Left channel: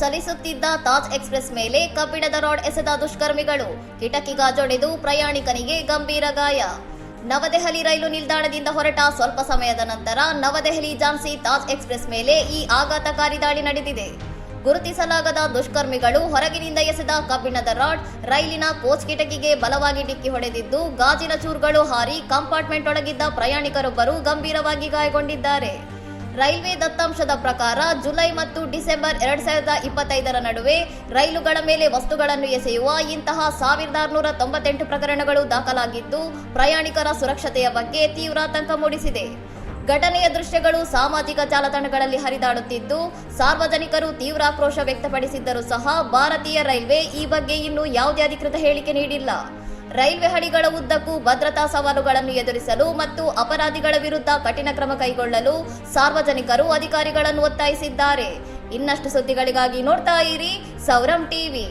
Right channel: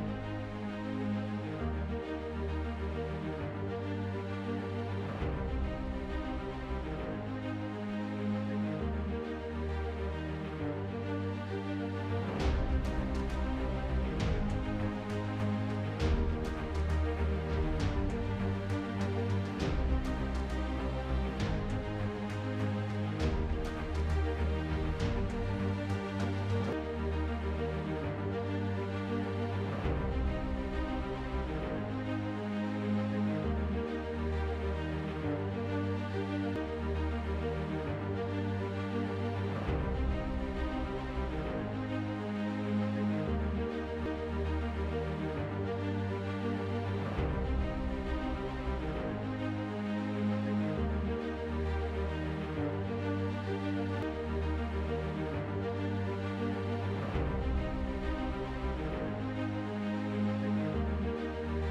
ಚಲಿಸುತ್ತಿದ್ದ Taj express ಮೇಲೆ ಕಬ್ಬಿಣದ rod ಎಸೆದ ದುಷ್ಕರ್ಮಿಗಳು, ಕಿಟಕಿ ಗಾಜೊಡೆದು ಪ್ರಯಾಣಿಕನಿಗೆ ಗಂಭೀರ ಗಾಯ. ನವದೆಹಲಿ ರೈಲು ನಿಲ್ದಾಣದಿಂದ ಹೊರಟ ಸ್ವಲ್ಪ ಸಮಯದ ನಂತರ ನವದೆಹಲಿ ಝಾನ್ಸಿ ತಾಜ್ ಎಕ್ಸ್‌ಪ್ರೆಸ್ ಮೇಲೆ ಈ ಆಘಾತಕಾರಿ ದಾಳಿ ನಡೆದಿದೆ. ಗುರುತಿಸಲಾಗದ ದುಷ್ಕರ್ಮಿಗಳು ಹೊರಗಿನಿಂದ ಎಸೆದ ಕಬ್ಬಿಣದ ರಾಡ್ ರೈಲಿನ ಕೋಚ್ ಕಿಟಕಿಗೆ ಬಲವಾಗಿ ಡಿಕ್ಕಿ ಹೊಡೆದಿದ್ದು, ಗಾಜಿನ ಚೂರುಗಳು ಹಾರಿ ಕಂಪಾರ್ಟ್ಮೆಂಟ್ ಒಳಗಿದ್ದ ಪ್ರಯಾಣಿಕರೊಬ್ಬರು ಗಂಭೀರವಾಗಿ ಗಾಯಗೊಂಡಿದ್ದಾರೆ. ರೈಲ್ವೆ ದತ್ತಾಂಶದ ಪ್ರಕಾರ ಜುಲೈ ಮತ್ತು ಡಿಸೆಂಬರ್ 2025ರ ನಡುವೆ ರೈಲುಗಳ ಮೇಲೆ ವಸ್ತುಗಳನ್ನು ಎಸೆಯುವ ಇಂತಹ 1698 ಪ್ರಕರಣಗಳು ದಾಖಲಾಗಿದ್ದು, ಪ್ರಯಾಣಿಕರ ಸುರಕ್ಷತೆಯ ಬಗ್ಗೆ ತೀವ್ರ ಆತಂಕ ಮೂಡಿಸಿದೆ. ಘಟನೆಯ ದೃಶ್ಯಗಳು ಸಾಮಾಜಿಕ ಜಾಲತಾಣಗಳಲ್ಲಿ ಹರಿದಾಡುತ್ತಿದ್ದು, ಸಾರ್ವಜನಿಕರು ತೀವ್ರ ಆಕ್ರೋಶ ವ್ಯಕ್ತಪಡಿಸಿದ್ದರೂ ಸಹ ಭಾರತೀಯ ರೈಲ್ವೆ ಈ ಬಗ್ಗೆ ಇನ್ನೂ ಯಾವುದೇ ಅಧಿಕೃತ ಹೇಳಿಕೆ ನೀಡಿಲ್ಲ. ರೈಲ್ವೆ ಹಳಿಗಳ ಉದ್ದಕ್ಕೂ ಭದ್ರತಾ ಸವಾಲುಗಳನ್ನು ಎದುರಿಸಲು ಮತ್ತು ಅಪರಾಧಿಗಳ ವಿರುದ್ಧ ಕಠಿಣ ಕ್ರಮ ಕೈಗೊಳ್ಳಲು ಸಾರ್ವಜನಿಕರು ಅಧಿಕಾರಿಗಳನ್ನು ಒತ್ತಾಯಿಸಿದ್ದಾರೆ. ಇನ್ನಷ್ಟು ಸುದ್ದಿಗಳಿಗಾಗಿ ನೋಡ್ತಾ ಇರಿ ಸೌರಂ ಟಿವಿ.